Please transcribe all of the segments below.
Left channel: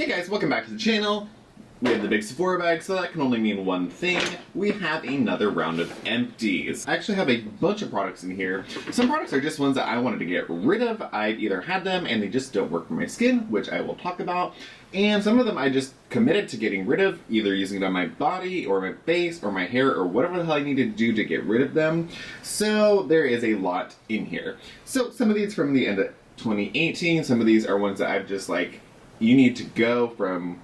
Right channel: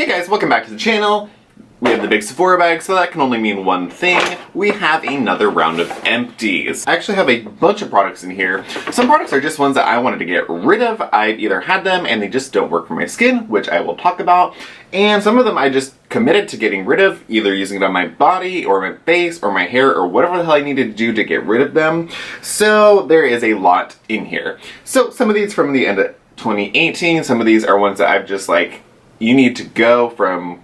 Hey guys, welcome back to the channel. We have the big Sephora bag, so that can only mean one thing. We have another round of empties. I actually have a bunch of products in here. Some products are just ones that I wanted to get rid of. I've either had them and they just don't work for my skin, which I will talk about. And some of them I just committed to getting rid of, either using it on my body or my face or my hair or whatever the hell I need to do to get rid of them. So there is a lot in here. So some of these from the end of 2018, some of these are ones that I've just like, you need to go from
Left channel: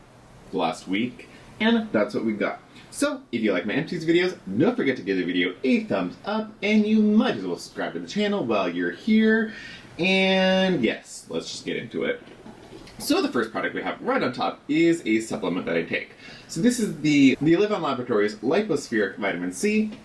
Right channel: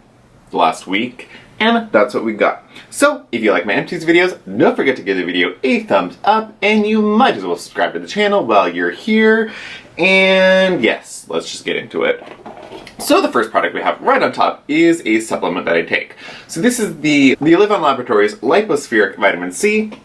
last week, and that's what we got. So if you like my empties videos, don't forget to give the video a thumbs up, and you might as well subscribe to the channel while you're here. And yes, let's just get into it. So the first product we have right on top is a supplement that I take. So this is the LivOn Laboratories Lypo-Spheric Vitamin C.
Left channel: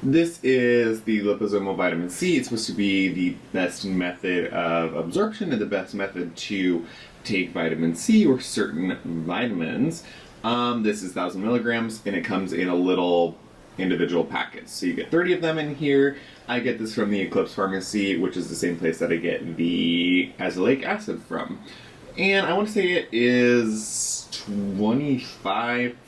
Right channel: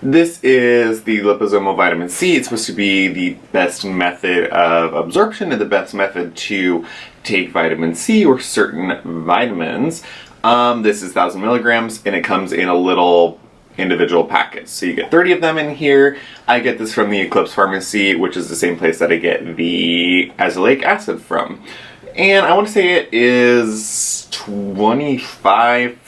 This is the liposomal vitamin C. It's supposed to be the best method of absorption and the best method to take vitamin C or certain vitamins. This is 1,000 milligrams and it comes in a little individual package. So you get 30 of them in here. I get this from the Eclipse Pharmacy, which is the same place that I get the azelaic acid from. And I want to say it is $25,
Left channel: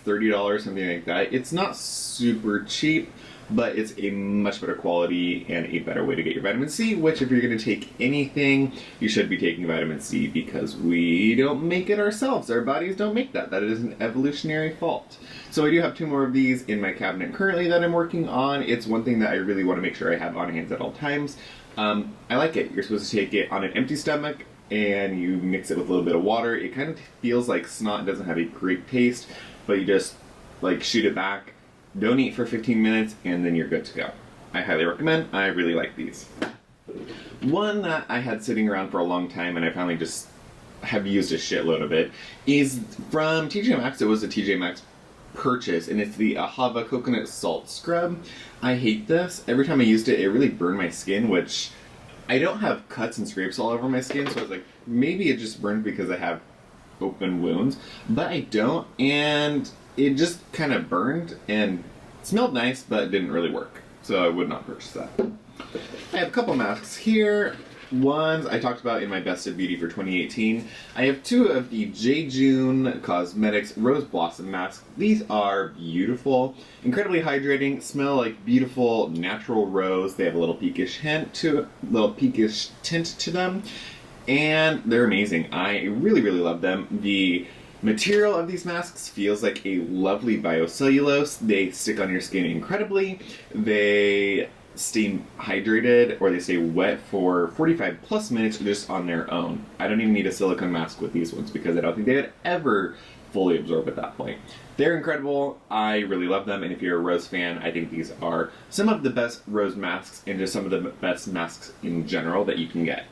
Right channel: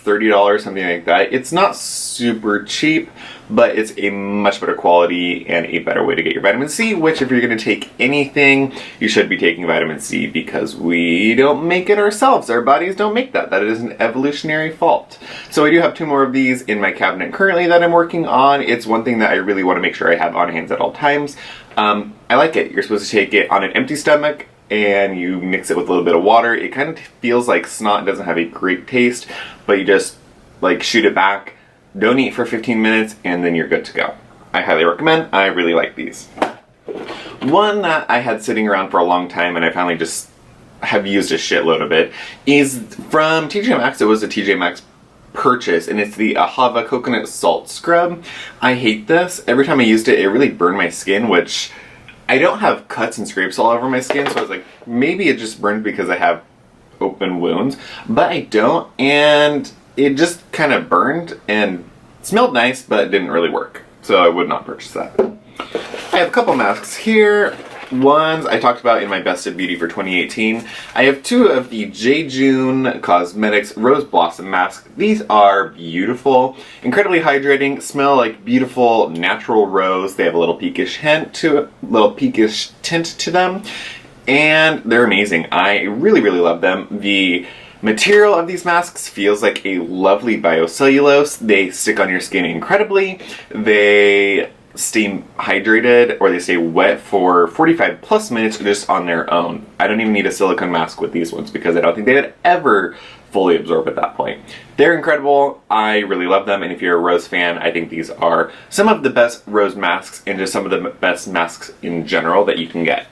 $30, something like that. It's not super cheap, but it's a much better quality and a better way to get your vitamin C, which if you're going to take anything, you should be taking vitamin C because we don't make it ourselves. Our bodies don't make that. That is an evolutionary fault. So I do have 2 more of these in my cabinet currently that I'm working on. It's one thing that I really want to make sure I have on hand at all times. I like it. You're supposed to take it on an empty stomach and you mix it with a little bit of water. It kind of feels like snot. It doesn't have a great taste, but you just like shoot it back. Don't eat for 15 minutes and then you're good to go. I highly recommend. I really like these. One that I had sitting around for a long time and I finally just have used a shitload of it is from TJ Maxx. It was a TJ Maxx purchase and it's the Hada Coconut Salt Scrub. I hate this. Every time I used it, it really burned my skin, which I don't have cuts and scrapes all over my skin, so I was like, maybe it just burned because I have open wounds, but I don't, and it just kind of burned and smelled nice, but it didn't really work. So I would not purchase that. I have a couple masks here. Ones I talked about in my Best of Beauty for 2018. I have 2 of the J. June Cosmetics Rose Blossom Mask. These are beautiful, incredibly hydrating, smell like beautiful natural rose. They have a little peakish tint to them, and they're amazing. I really, really love them. The material of these masks feels like a lovely biocellulose. They stick on your skin incredibly. They stay hydrated or they stay wet for 45 plus minutes just on their own. I don't even need a silicone mask with these ones because I don't think they would ever fully absorb at that point. They're incredible. I really love them, and if you're a rose fan, I think these are some of the best rose masks and just some of the best masks in general that you can get.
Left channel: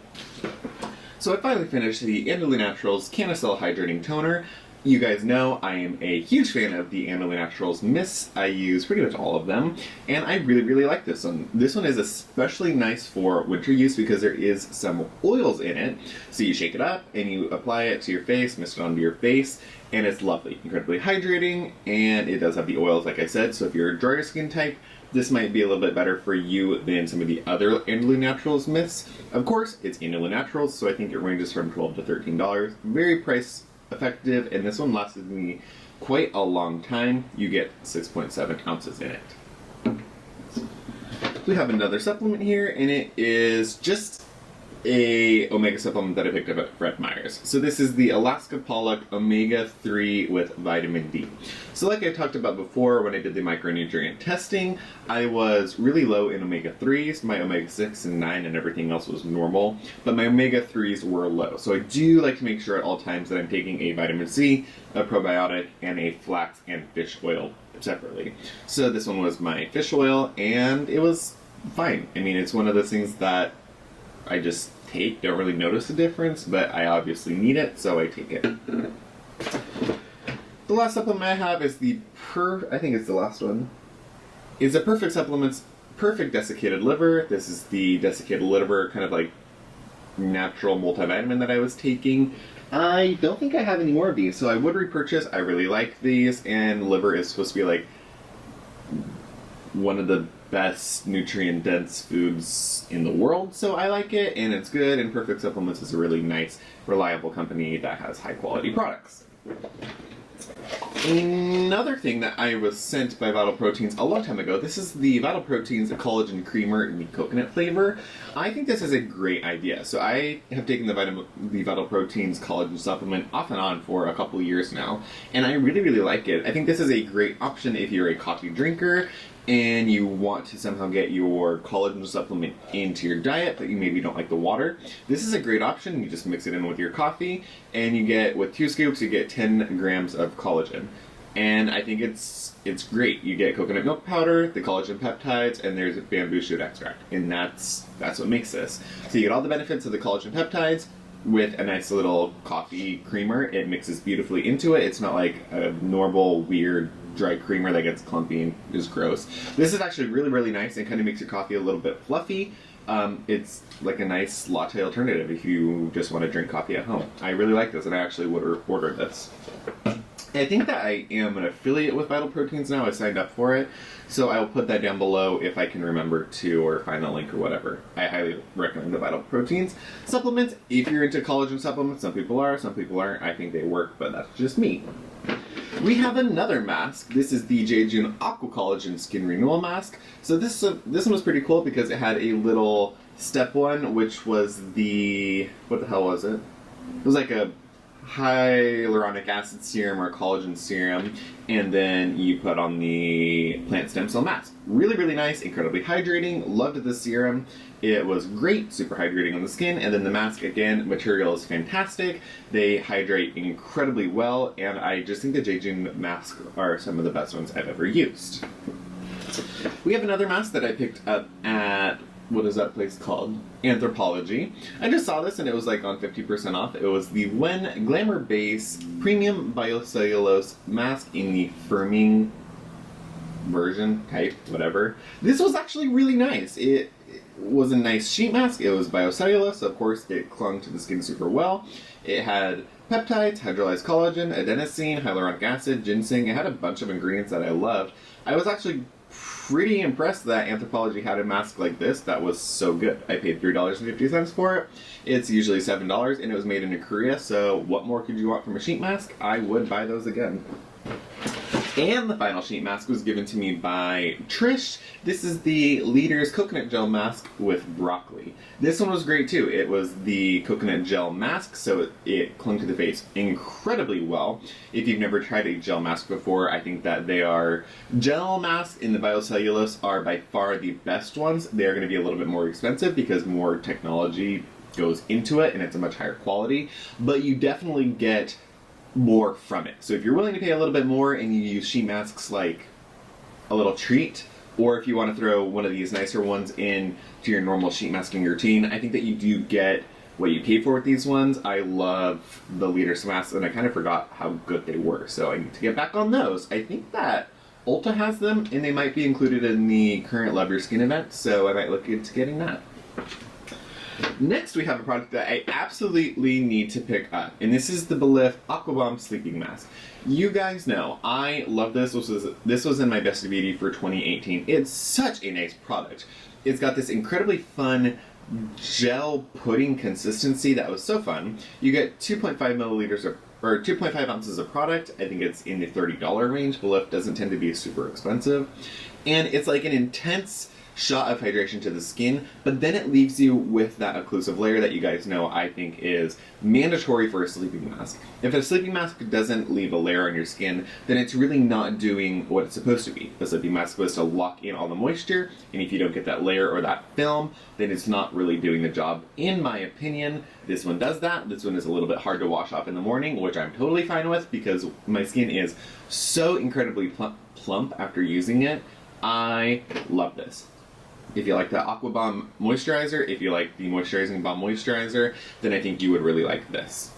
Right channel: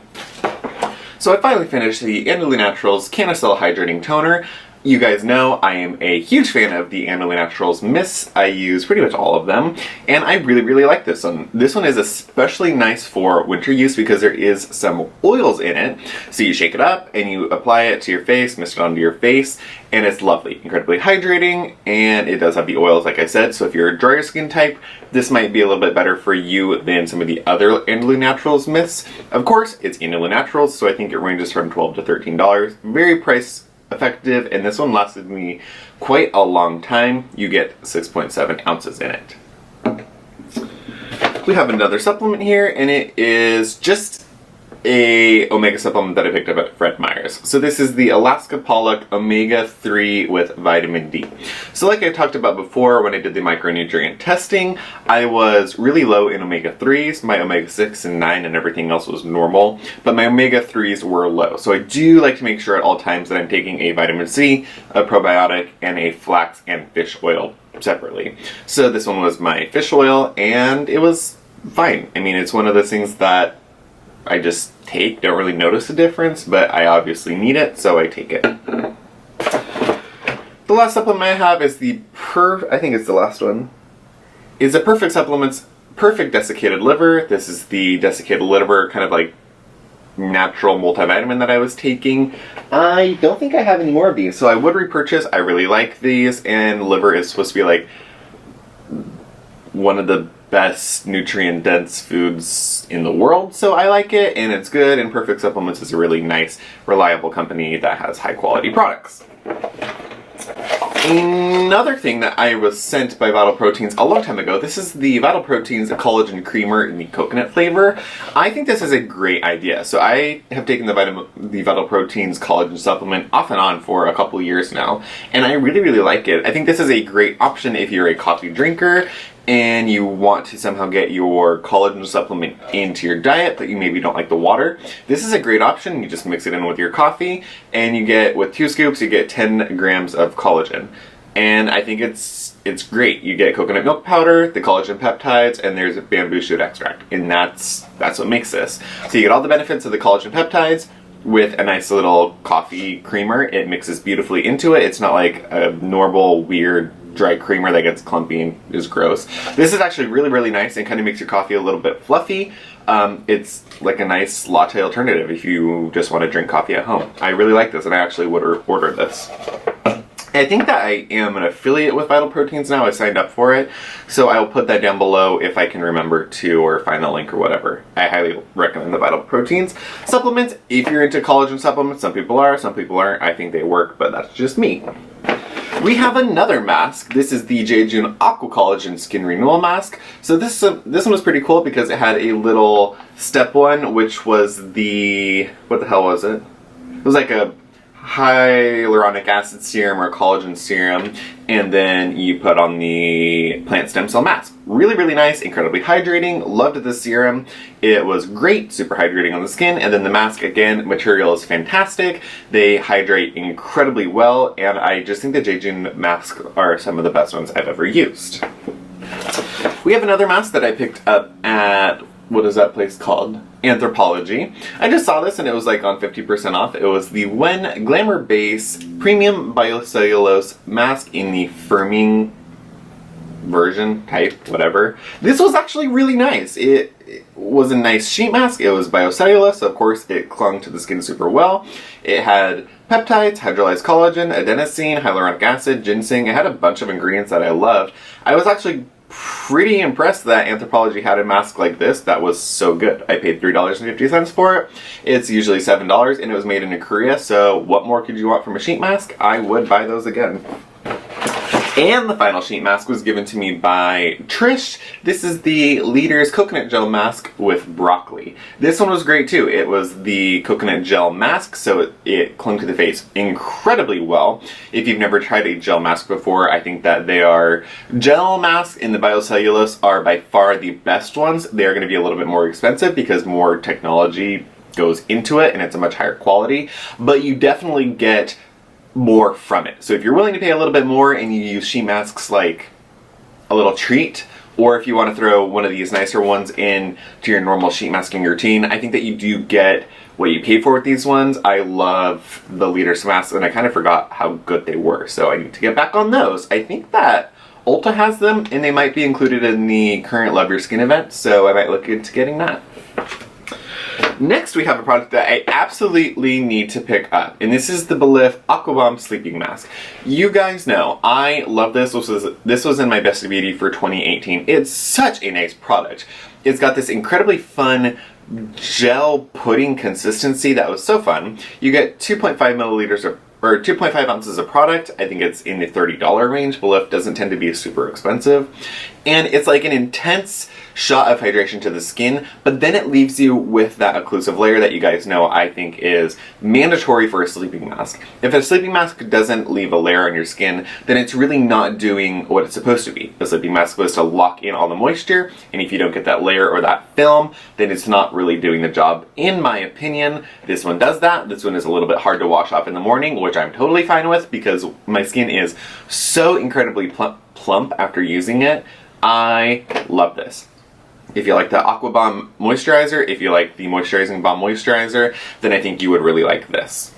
So I finally finished the Andalou Naturals CannaCell Hydrating Toner. You guys know I am a huge fan of the Andalou Naturals mists. I use pretty much all of them, and I really, really like this one. This one is especially nice for winter use because there is some oils in it. So you shake it up and you apply it to your face, mist it onto your face, and it's lovely, incredibly hydrating, and it does have the oils like I said, so if you're a drier skin type, this might be a little bit better for you than some of the other Andalou Naturals mists. Of course, it's Andalou Naturals, so I think it ranges from $12 to $13. Very price effective, and this one lasted me quite a long time. You get 6.7 ounces in it. We have another supplement here, and it is just a omega supplement that I picked up at Fred Meyer's. So this is the Alaska Pollock Omega 3 with vitamin D. So like I talked about before when I did the micronutrient testing, I was really low in omega 3s. My omega 6 and 9 and everything else was normal, but my omega 3s were low. So I do like to make sure at all times that I'm taking a vitamin C, a probiotic, and a flax and fish oil separately. So this one was my fish oil, and it was fine. I mean, it's one of those things that I just take, don't really notice a difference, but I obviously need it, so I take it. The last supplement I have is I think it's the last one, is a Perfect Supplements Perfect Desiccated Liver. This is the desiccated liver kind of like natural multivitamin that I was taking. I don't think I have any more of these, so I would repurchase. I really like these, and liver is supposed to be like one of the best nutrient dense foods in the world, so I like it, and it's good, and Perfect Supplements is a really nice, reliable company that has high quality products. Another thing that I was sent by Vital Proteins a long time ago, this is the Vital Proteins Collagen Creamer in the coconut flavor. I think this is a great idea. So I have taken the Vital Proteins collagen supplement off and on for a couple years now, and I really, really like it. I think this is a great option if you're a coffee drinker and you want to somehow get your collagen supplement into your diet, but you maybe don't like the water. This is a great option. You just mix it in with your coffee, and you get, with 2 scoops, you get 10 grams of collagen. And I think it's great. You get coconut milk powder, the collagen peptides, and there's a bamboo shoot extract, and that's what makes this. So you get all the benefits of the collagen peptides with a nice little coffee creamer. It mixes beautifully into it. It's not like a normal, weird, dry creamer that gets clumpy and is gross. This is actually really, really nice and kind of makes your coffee a little bit fluffy. It's like a nice latte alternative if you just want to drink coffee at home. I really like this, and I actually would order this. I think that I am an affiliate with Vital Proteins now. I signed up for it, so I'll put that down below if I can remember to, or find the link or whatever. I highly recommend the Vital Proteins supplements if you're into collagen supplements. Some people are, some people aren't. I think they work, but that's just me. We have another mask. This is the Jejun Aqua Collagen Skin Renewal Mask. So this one was pretty cool because it had a little step one, which was the, what the hell was it? It was like a hyaluronic acid serum or collagen serum, and then you put on the plant stem cell mask. Really, really nice, incredibly hydrating. Loved this serum. It was great, super hydrating on the skin, and then the mask, again, material is fantastic. They hydrate incredibly well, and I just think the Jejun masks are some of the best ones I've ever used. We have another mask that I picked up at, what is that place called? Anthropology. I just saw this and it was like on 50% off. It was the Wen Glamour Base Premium Biocellulose Mask in the firming version, type, whatever. This was actually really nice. It was a nice sheet mask. It was biocellulose, so of course it clung to the skin super well. It had peptides, hydrolyzed collagen, adenosine, hyaluronic acid, ginseng. It had a bunch of ingredients that I loved. I was actually pretty impressed that Anthropology had a mask like this that was so good. I paid $3.50 for it. It's usually $7, and it was made in Korea, so what more could you want from a sheet mask? I would buy those again. And the final sheet mask was given to me by Trish. This is the Leader's Coconut Gel Mask with Broccoli. This one was great too. It was the coconut gel mask, so it clung to the face incredibly well. If you've never tried a gel mask before, I think that they are, gel masks in the biocellulose are by far the best ones. They're going to be a little bit more expensive because more technology goes into it and it's a much higher quality, but you definitely get more from it. So if you're willing to pay a little bit more and you use sheet masks like a little treat, or if you want to throw one of these nicer ones in to your normal sheet masking routine, I think that you do get what you pay for with these ones. I love the Leader's masks, and I kind of forgot how good they were, so I need to get back on those. I think that Ulta has them, and they might be included in the current Love Your Skin event, so I might look into getting that. Next, we have a product that I absolutely need to pick up, and this is the Belif Aqua Bomb Sleeping Mask. You guys know, I love this. This was in my Best of Beauty for 2018. It's such a nice product. It's got this incredibly fun gel pudding consistency that was so fun. You get 2.5 milliliters of, or 2.5 ounces of product. I think it's in the $30 range. Belif doesn't tend to be super expensive. And it's like an intense shot of hydration to the skin, but then it leaves you with that occlusive layer that you guys know I think is mandatory for a sleeping mask. If a sleeping mask doesn't leave a layer on your skin, then it's really not doing what it's supposed to be. A sleeping mask is supposed to lock in all the moisture, and if you don't get that layer or that film, then it's not really doing the job, in my opinion. This one does that. This one is a little bit hard to wash off in the morning, which I'm totally fine with because my skin is so incredibly plump after using it. I love this. If you like the Aqua Bomb Moisturizer, if you like the Moisturizing Balm Moisturizer, then I think you would really like this.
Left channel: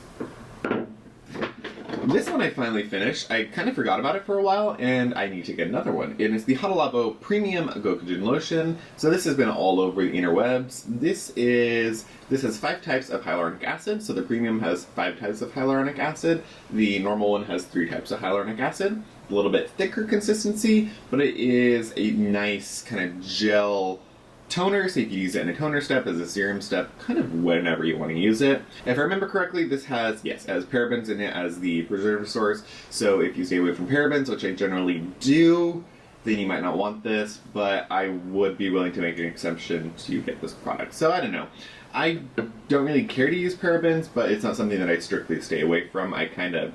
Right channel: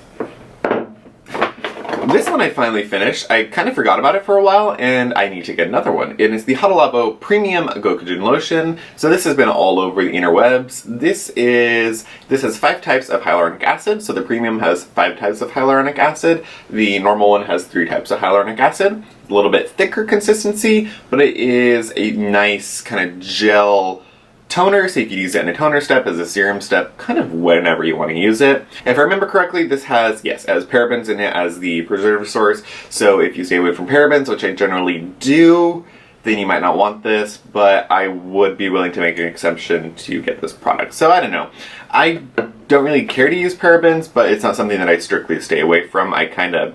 This one I finally finished. I kind of forgot about it for a while, and I need to get another one. It is the Hada Labo Premium Gokogen Lotion. So this has been all over the interwebs. This has 5 types of hyaluronic acid. So the premium has 5 types of hyaluronic acid. The normal one has 3 types of hyaluronic acid. a little bit thicker consistency, but it is a nice kind of gel toner, so you can use it in a toner step, as a serum step, kind of whenever you want to use it. If I remember correctly, this has, yes, it has parabens in it as the preservative source, so if you stay away from parabens, which I generally do, then you might not want this, but I would be willing to make an exception to get this product. So I don't know. I don't really care to use parabens, but it's not something that I strictly stay away from. I kind of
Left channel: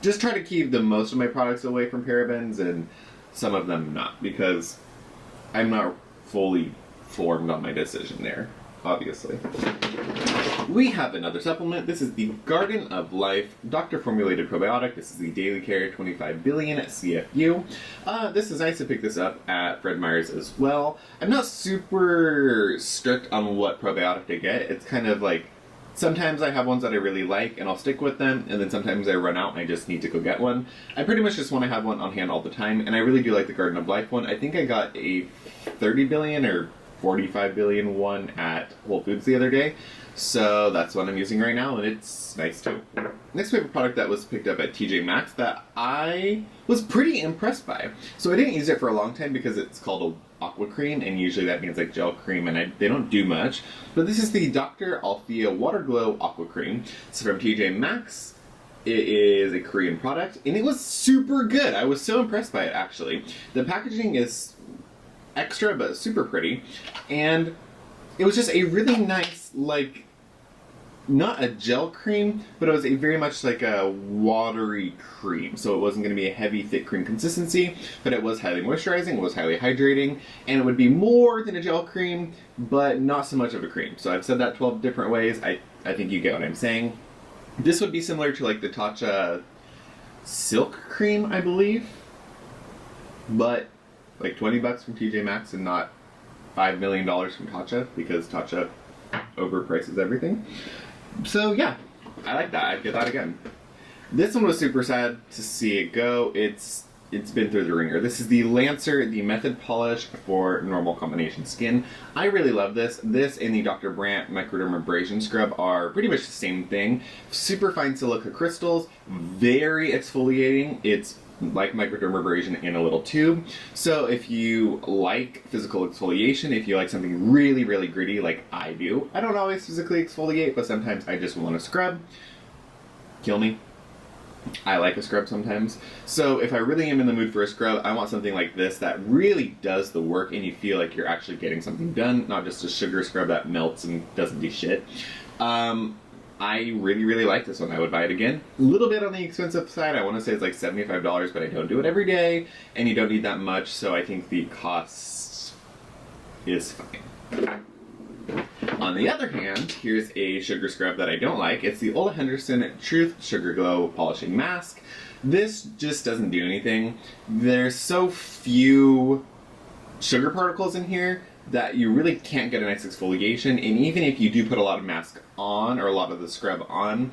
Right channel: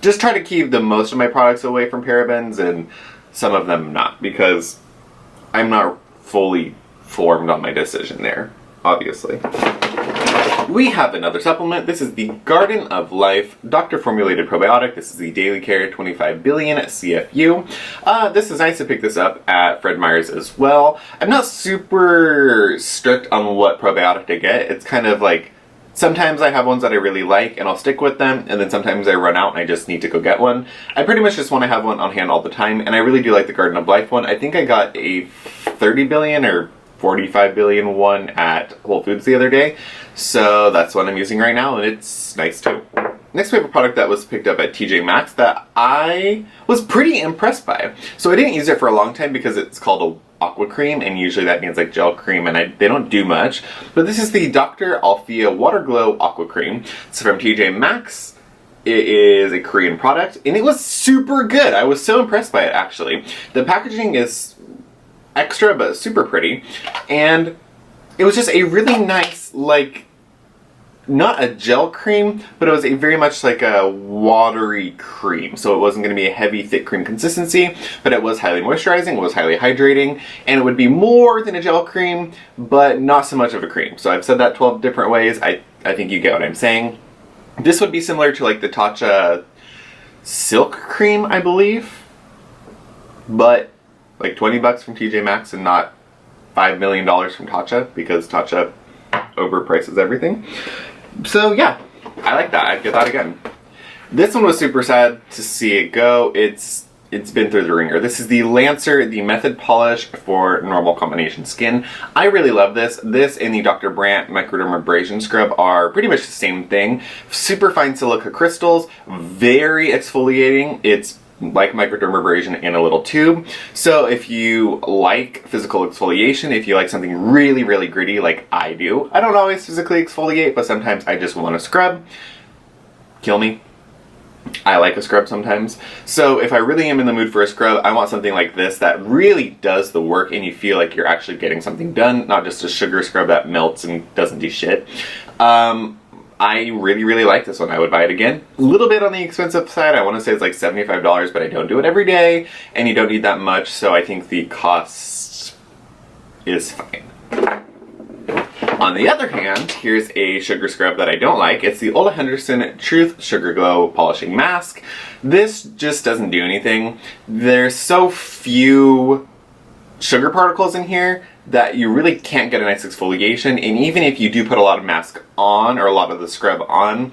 just try to keep the most of my products away from parabens, and some of them not, because I'm not fully formed on my decision there, obviously. We have another supplement. This is the Garden of Life Doctor Formulated Probiotic. This is the Daily Care 25 billion CFU. This is nice to pick this up at Fred Meyer's as well. I'm not super strict on what probiotic to get. It's kind of like, sometimes I have ones that I really like and I'll stick with them, and then sometimes I run out and I just need to go get one. I pretty much just want to have one on hand all the time, and I really do like the Garden of Life one. I think I got a 30 billion or 45 billion one at Whole Foods the other day, so that's what I'm using right now, and it's nice too. Next we have a product that was picked up at TJ Maxx that I was pretty impressed by. So I didn't use it for a long time because it's called a Aqua cream, and usually that means like gel cream, and they don't do much. But this is the Dr. Althea Water Glow Aqua Cream. It's from TJ Maxx. It is a Korean product, and it was super good. I was so impressed by it, actually. The packaging is extra but super pretty, and it was just a really nice, like, not a gel cream, but it was a very much like a watery cream. So it wasn't going to be a heavy, thick cream consistency, but it was highly moisturizing, it was highly hydrating, and it would be more than a gel cream, but not so much of a cream. So I've said that 12 different ways. I think you get what I'm saying. This would be similar to like the Tatcha Silk Cream, I believe, but like 20 bucks from TJ Maxx and not $5 million from Tatcha, because Tatcha overprices everything. So yeah, I like that. I'd get that again. This one was super sad to see it go. It's been through the ringer. This is the Lancer, the Method Polish for normal combination skin. I really love this. This and the Dr. Brandt Microdermabrasion Scrub are pretty much the same thing. Super fine silica crystals, very exfoliating. It's like microdermabrasion in a little tube. So if you like physical exfoliation, if you like something really, really gritty like I do, I don't always physically exfoliate, but sometimes I just want to scrub. Kill me. I like a scrub sometimes. So if I really am in the mood for a scrub, I want something like this that really does the work and you feel like you're actually getting something done, not just a sugar scrub that melts and doesn't do shit. I really, really like this one. I would buy it again. A little bit on the expensive side. I want to say it's like $75, but I don't do it every day, and you don't need that much, so I think the cost is fine. On the other hand, here's a sugar scrub that I don't like. It's the Ola Henderson Truth Sugar Glow Polishing Mask. This just doesn't do anything. There's so few sugar particles in here that you really can't get a nice exfoliation, and even if you do put a lot of mask on, or a lot of the scrub on,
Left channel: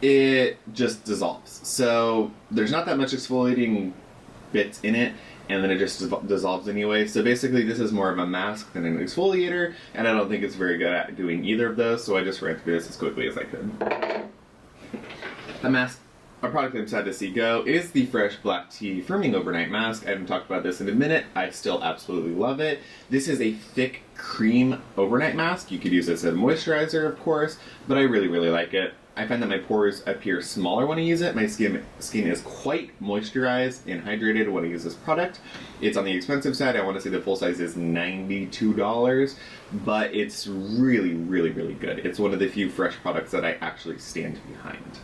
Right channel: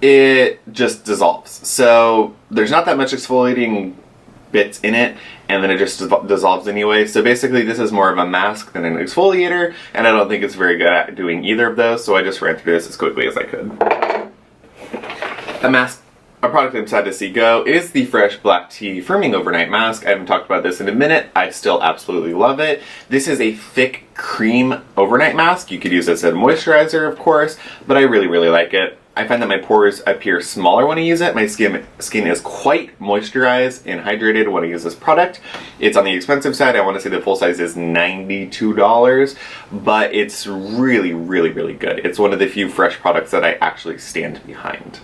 it just dissolves. So there's not that much exfoliating bits in it, and then it just dissolves anyway. So basically this is more of a mask than an exfoliator, and I don't think it's very good at doing either of those, so I just ran through this as quickly as I could. A product I'm sad to see go is the Fresh Black Tea Firming Overnight Mask. I haven't talked about this in a minute. I still absolutely love it. This is a thick cream overnight mask. You could use this as a moisturizer, of course, but I really, really like it. I find that my pores appear smaller when I use it. My skin is quite moisturized and hydrated when I use this product. It's on the expensive side. I want to say the full size is $92, but it's really, really, really good. It's one of the few fresh products that I actually stand behind.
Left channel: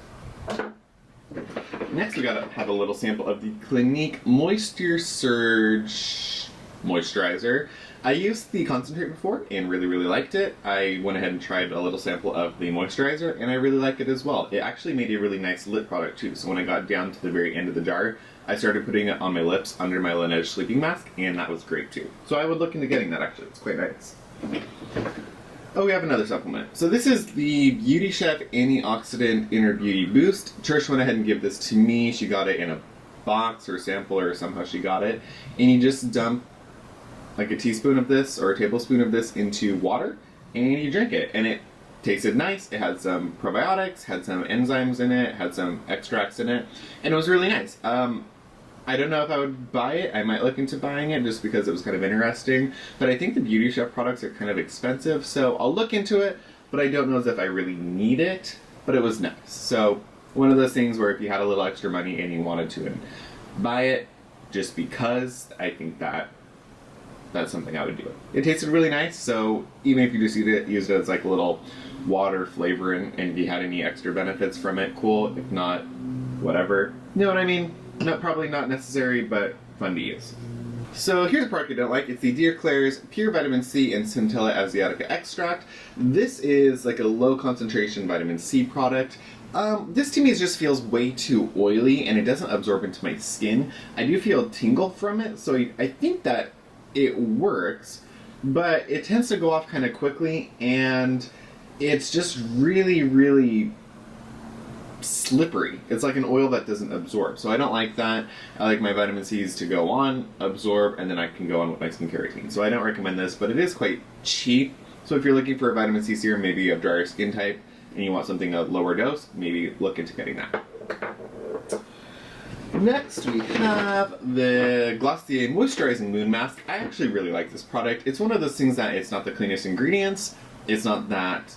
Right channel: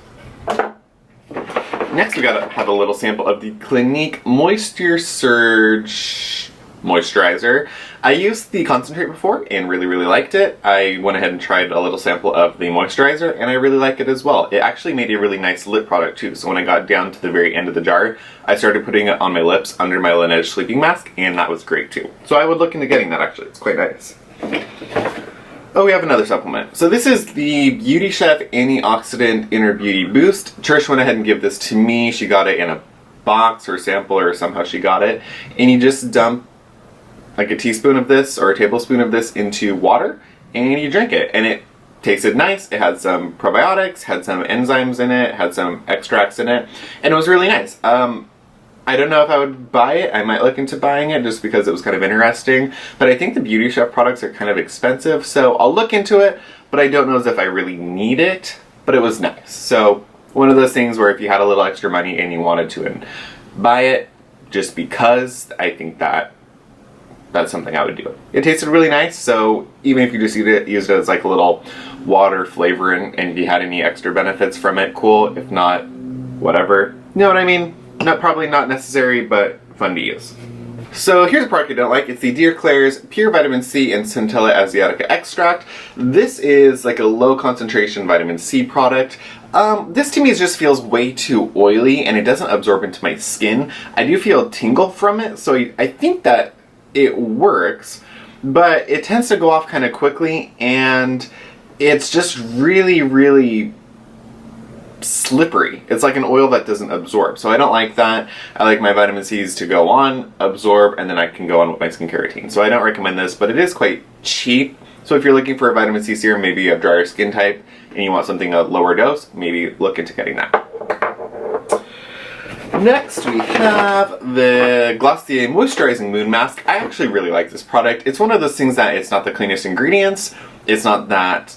Next we have a little sample of the Clinique Moisture Surge Moisturizer. I used the concentrate before and really, really liked it. I went ahead and tried a little sample of the moisturizer and I really like it as well. It actually made a really nice lip product too, so when I got down to the very end of the jar, I started putting it on my lips under my Laneige sleeping mask, and that was great too. So I would look into getting that actually, it's quite nice. Oh, we have another supplement. So this is the Beauty Chef Antioxidant Inner Beauty Boost. Trish went ahead and gave this to me. She got it in a box or sample, or somehow she got it. And you just dump like a teaspoon of this or a tablespoon of this into water and you drink it. And it tasted nice. It had some probiotics, had some enzymes in it, had some extracts in it, and it was really nice. I don't know if I would buy it. I might look into buying it just because it was kind of interesting. But I think the Beauty Chef products are kind of expensive, so I'll look into it, but I don't know as if I really need it, but it was nice. So one of those things where if you had a little extra money and you wanted to buy it just because, I think that's something I would do. It tasted really nice, so even if you just used it as like a little water flavoring and if you had any extra benefits from it, cool. If not, whatever. You know what I mean? Probably not necessary, but fun to use. So here's a product I don't like. It's the Dear Klairs Pure Vitamin C and Centella Asiatica Extract. This is like a low concentration vitamin C product. This to me just feels way too oily and it doesn't absorb into my skin. I do feel a tingle from it, so I think that it works, but it tends to go off kind of quickly and it's just really, really slippery. It's like an oil that doesn't absorb, so I don't like that. I like my vitamin C's to go on, absorb, and then I can go on with my skincare routine. So I don't recommend this, but it is quite cheap. So if you're looking for a vitamin C serum, maybe you have drier skin type and you want something a lower dose, maybe look into getting that. Next we have the Glossier Moisturizing Moon Mask. I actually really like this product. It's one of those things that it's not the cleanest ingredients, it's not that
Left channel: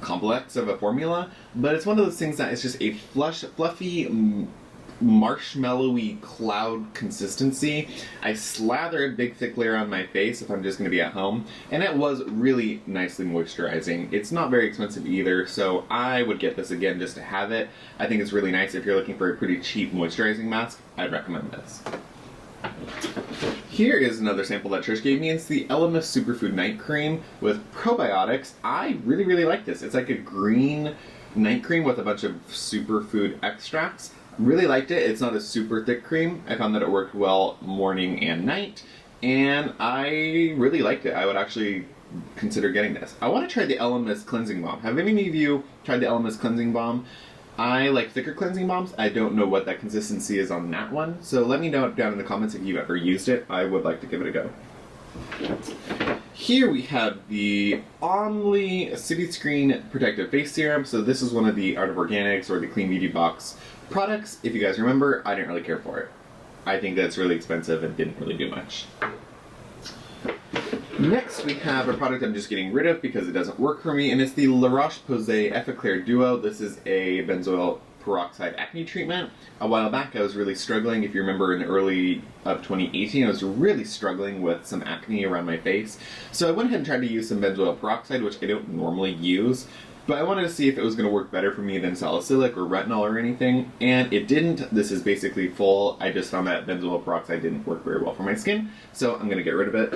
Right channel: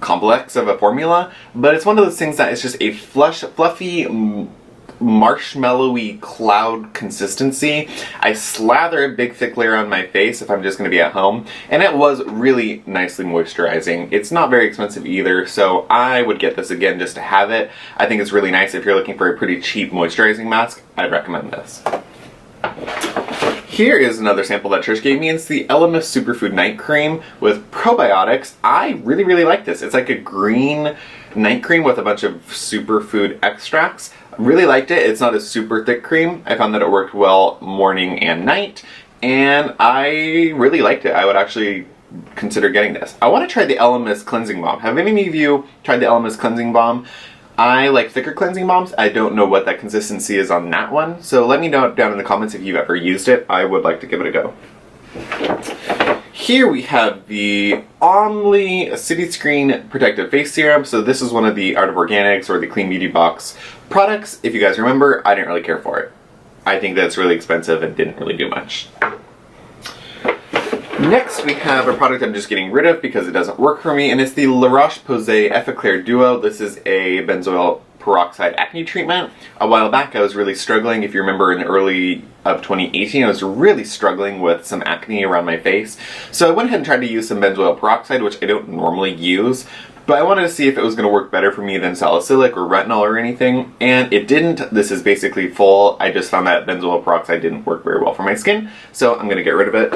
complex of a formula, but it's one of those things that it's just a fluffy, marshmallowy cloud consistency. I slather a big thick layer on my face if I'm just going to be at home, and it was really nicely moisturizing. It's not very expensive either, so I would get this again just to have it. I think it's really nice if you're looking for a pretty cheap moisturizing mask. I'd recommend this. Here is another sample that Trish gave me. It's the Elemis Superfood Night Cream with probiotics. I really, really like this. It's like a green night cream with a bunch of superfood extracts. I really liked it. It's not a super thick cream. I found that it worked well morning and night, and I really liked it. I would actually consider getting this. I want to try the Elemis Cleansing Balm. Have any of you tried the Elemis Cleansing Balm? I like thicker cleansing balms. I don't know what that consistency is on that one, so let me know down in the comments if you've ever used it. I would like to give it a go. Here we have the Omni City Screen Protective Face Serum. So this is one of the Art of Organics or the Clean Beauty Box products. If you guys remember, I didn't really care for it. I think that's really expensive and didn't really do much. Next we have a product I'm just getting rid of because it doesn't work for me, and it's the La Roche-Posay Effaclar Duo. This is a benzoyl peroxide acne treatment. A while back I was really struggling. If you remember in early of 2018, I was really struggling with some acne around my face. So I went ahead and tried to use some benzoyl peroxide, which I don't normally use, but I wanted to see if it was going to work better for me than salicylic or retinol or anything, and it didn't. This is basically full. I just found that benzoyl peroxide didn't work very well for my skin, so I'm going to get rid of it.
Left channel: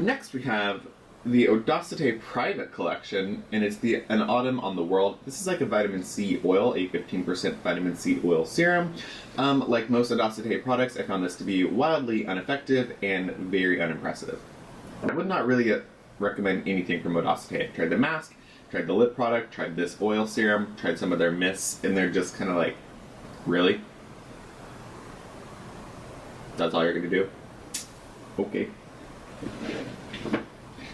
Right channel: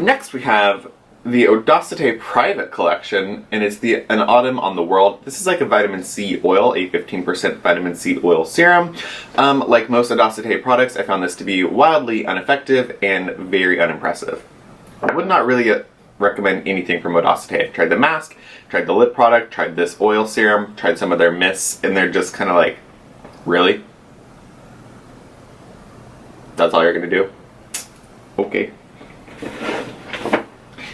Next we have the Audacité Private Collection, and it's an Autumn on the World. This is like a vitamin C oil, a 15% vitamin C oil serum. Like most Audacité products, I found this to be wildly ineffective and very unimpressive. I would not really recommend anything from Audacité. I tried the mask, tried the lip product, tried this oil serum, tried some of their mists, and they're just kind of like, really? That's all you're gonna do? Okay.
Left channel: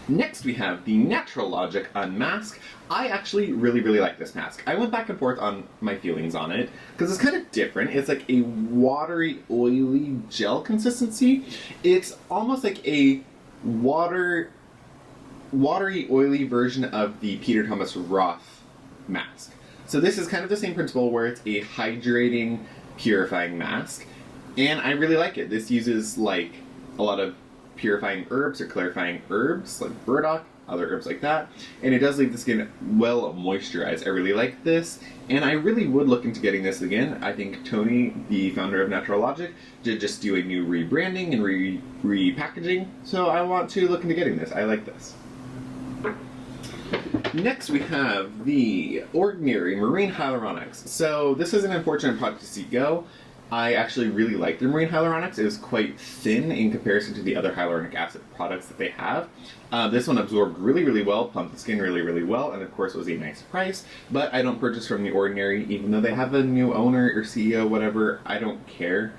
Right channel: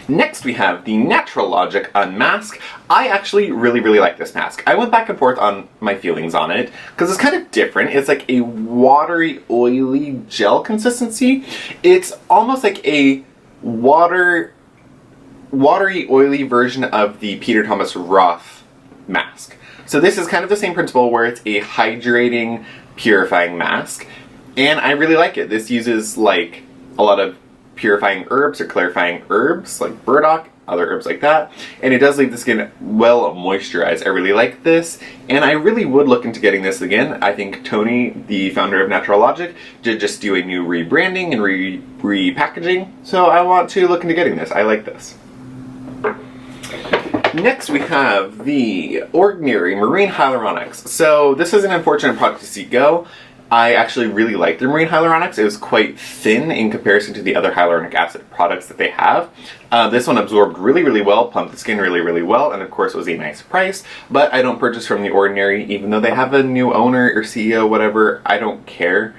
Next we have the Natural Logic Unmask. I actually really, really like this mask. I went back and forth on my feelings on it because it's kind of different. It's like a watery, oily gel consistency. It's almost like a watery, oily version of the Peter Thomas Roth mask. So this is kind of the same principle where it's a hydrating, purifying mask, and I really like it. This uses like a lot of purifying herbs or clarifying herbs like burdock, other herbs like that, and it does leave the skin well moisturized. I really like this, and I really would look into getting this again. I think Tony, the founder of Natural Logic, did just do a new rebranding and repackaging, so I want to look into getting this. I like this. Next we have the Ordinary Marine Hyaluronics. So this is an unfortunate product to see go. I actually really like the marine hyaluronics. It was quite thin in comparison to the other hyaluronic acid products that they have. This one absorbed really, really well, plumped the skin really, really well, and of course was a nice price, but I don't purchase from The Ordinary, even though they have a new owner or CEO, whatever. I don't care.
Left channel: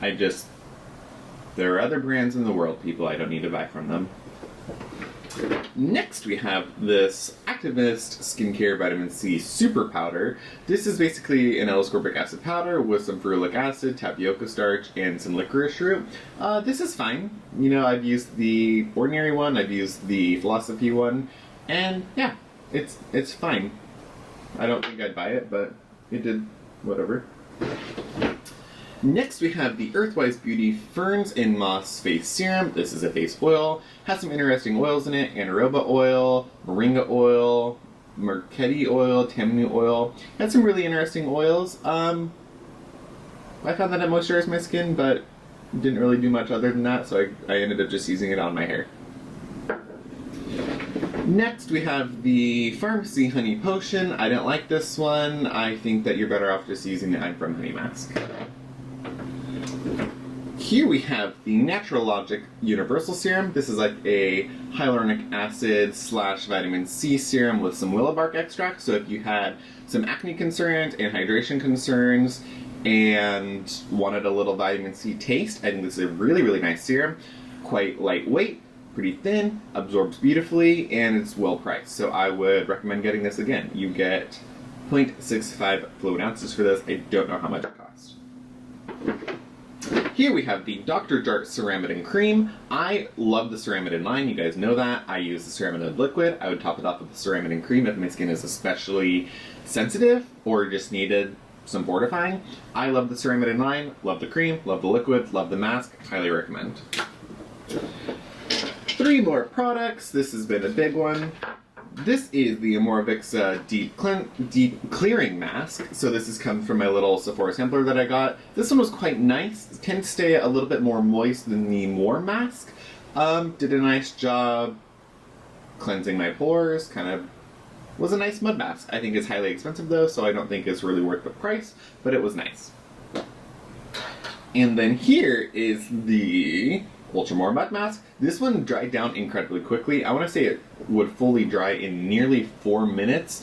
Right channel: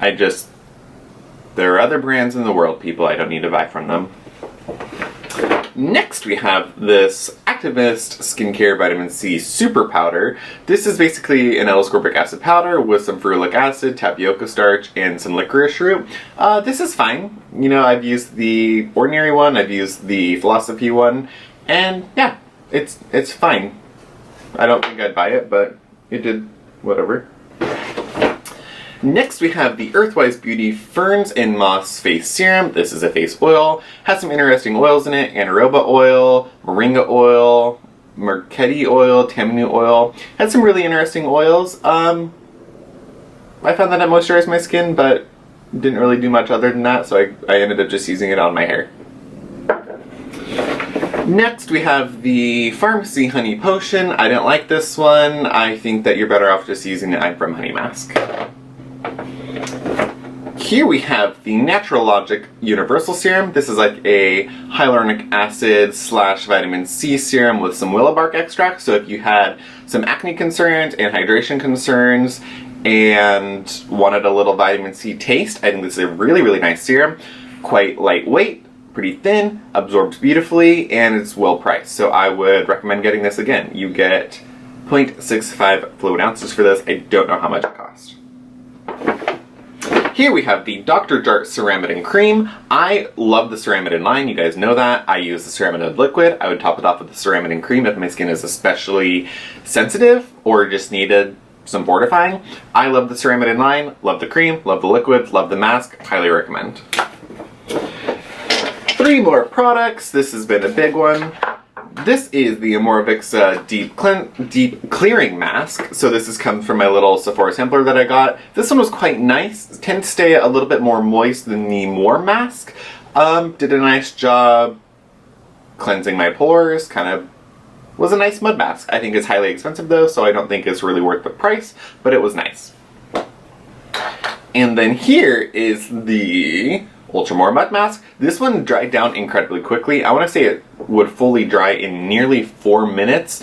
There are other brands in the world, people. I don't need to buy from them. Next we have this Activist Skincare Vitamin C Super Powder. This is basically an L-ascorbic acid powder with some ferulic acid, tapioca starch, and some licorice root. This is fine. You know, I've used the ordinary one, I've used the Philosophy one, and yeah, it's fine. I don't think I'd buy it, but it did whatever. Next we have the Earthwise Beauty Ferns and Moss Face Serum. This is a face oil. Has some interesting oils in it. Anaeroba oil, moringa oil, mercedi oil, tamanu oil. Had some really interesting oils. I found that it moisturized my skin, but didn't really do much other than that, so I ended up just using it on my hair. Next we have the Pharmacy Honey Potion. I didn't like this one. I think that you're better off just using the I'm From Honey Mask. Here we have the Natural Logic Universal Serum. This is like a hyaluronic acid / vitamin C serum with some willow bark extract. So if you had some acne concerns and hydration concerns and wanted a little vitamin C taste, I think this is a really, really nice serum. Quite lightweight, pretty thin, absorbs beautifully, and it's well priced. So I would recommend getting this again. You get 0.65 fluid ounces for this. I don't know how much it cost. Here we have the Dr. Jart Ceramidin Cream. I love the Ceramidin line, you guys know that. I use the Ceramidin liquid. I would top it off with the Ceramidin cream if my skin is especially sensitive or just needed some fortifying. I love the Ceramidin line, love the cream, love the liquid, love the mask, highly recommend. 3 more products. This has been a big one. This is the Amorvixa Deep Clearing Mask. So this has come from my little Sephora sampler that I got. This one was quite nice. It tends to stay a little bit more moist than the More Mask. Did a nice job cleansing my pores. Kind of was a nice mud mask. I think it's highly expensive though, so I don't think it's really worth the price, but it was nice. And then here is the Ultra More Mud Mask. This one dried down incredibly quickly. I want to say it would fully dry in nearly 4 minutes.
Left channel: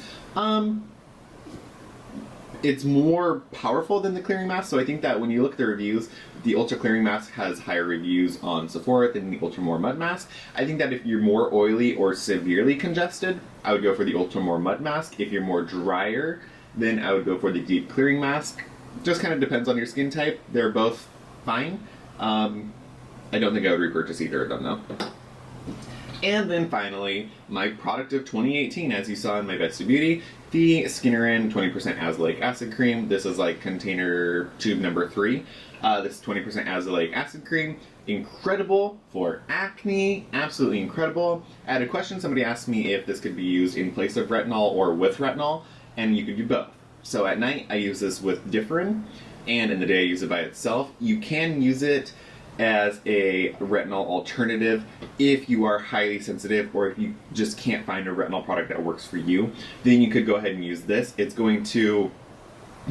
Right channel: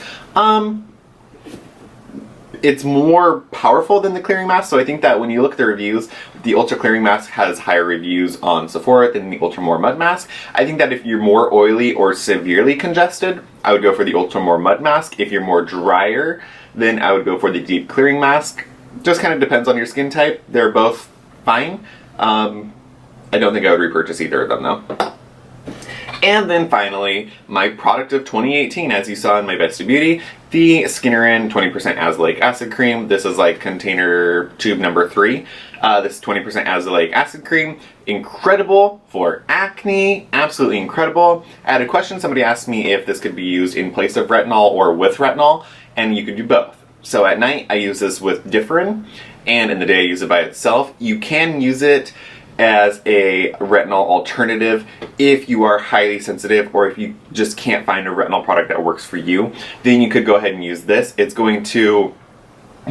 It's more powerful than the clearing mask, so I think that when you look at the reviews, the Ultra Clearing Mask has higher reviews on Sephora than the Ultra More Mud Mask. I think that if you're more oily or severely congested, I would go for the Ultra More Mud Mask. If you're more drier, then I would go for the Deep Clearing Mask. Just kind of depends on your skin type. They're both fine. I don't think I would repurchase either of them though. And then finally, my product of 2018, as you saw in my Best of Beauty, the Skinnerin 20% Azelaic Acid Cream. This is like container tube number 3. This is 20% Azelaic Acid Cream. Incredible for acne, absolutely incredible. I had a question, somebody asked me if this could be used in place of retinol or with retinol, and you could do both. So at night, I use this with Differin, and in the day I use it by itself. You can use it as a retinol alternative if you are highly sensitive or if you just can't find a retinol product that works for you. Then you could go ahead and use this. It's going to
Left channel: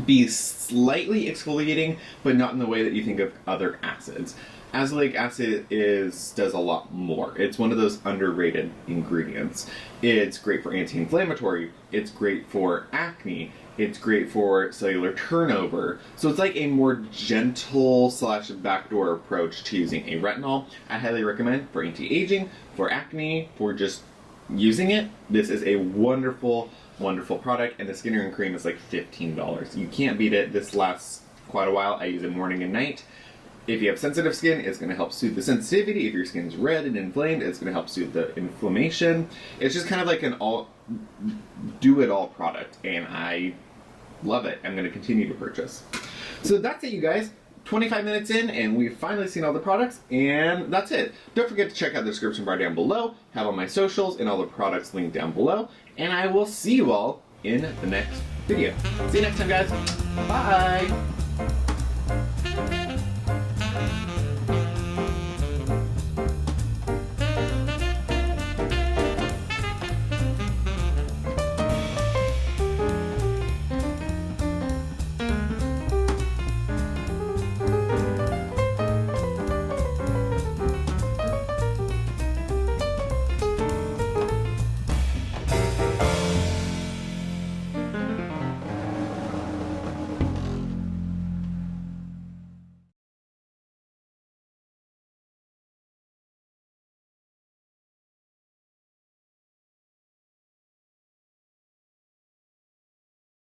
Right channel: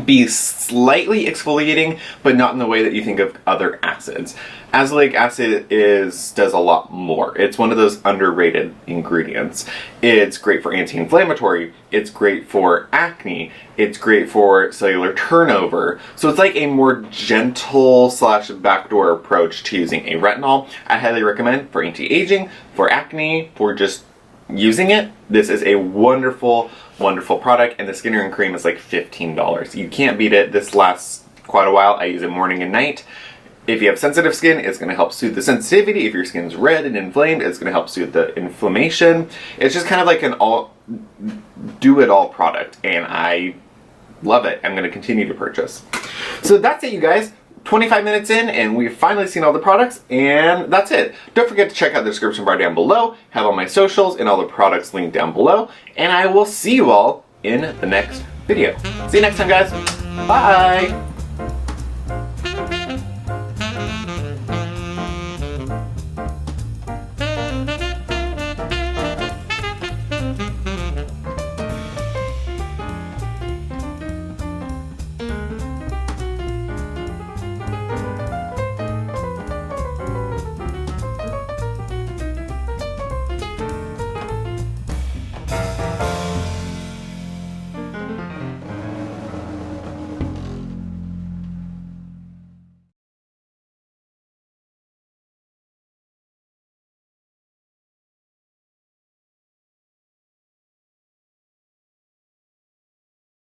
be slightly exfoliating, but not in the way that you think of other acids. Azelaic acid does a lot more. It's one of those underrated ingredients. It's great for anti-inflammatory, it's great for acne, it's great for cellular turnover. So it's like a more gentle / backdoor approach to using a retinol. I highly recommend for anti-aging, for acne, for just using it. This is a wonderful, wonderful product, and the Skinnerin cream is like $15. You can't beat it. This lasts quite a while. I use it morning and night. If you have sensitive skin, it's going to help soothe the sensitivity. If your skin's red and inflamed, it's going to help soothe the inflammation. It's just kind of like an do-it-all product, and I love it. I'm going to continue to purchase. So that's it, you guys. 25 minutes in, and we've finally seen all the products, and that's it. Don't forget to check out the description bar down below, have all my socials and all the products linked down below, and I will see you all in the next video. See you next time, guys. Bye!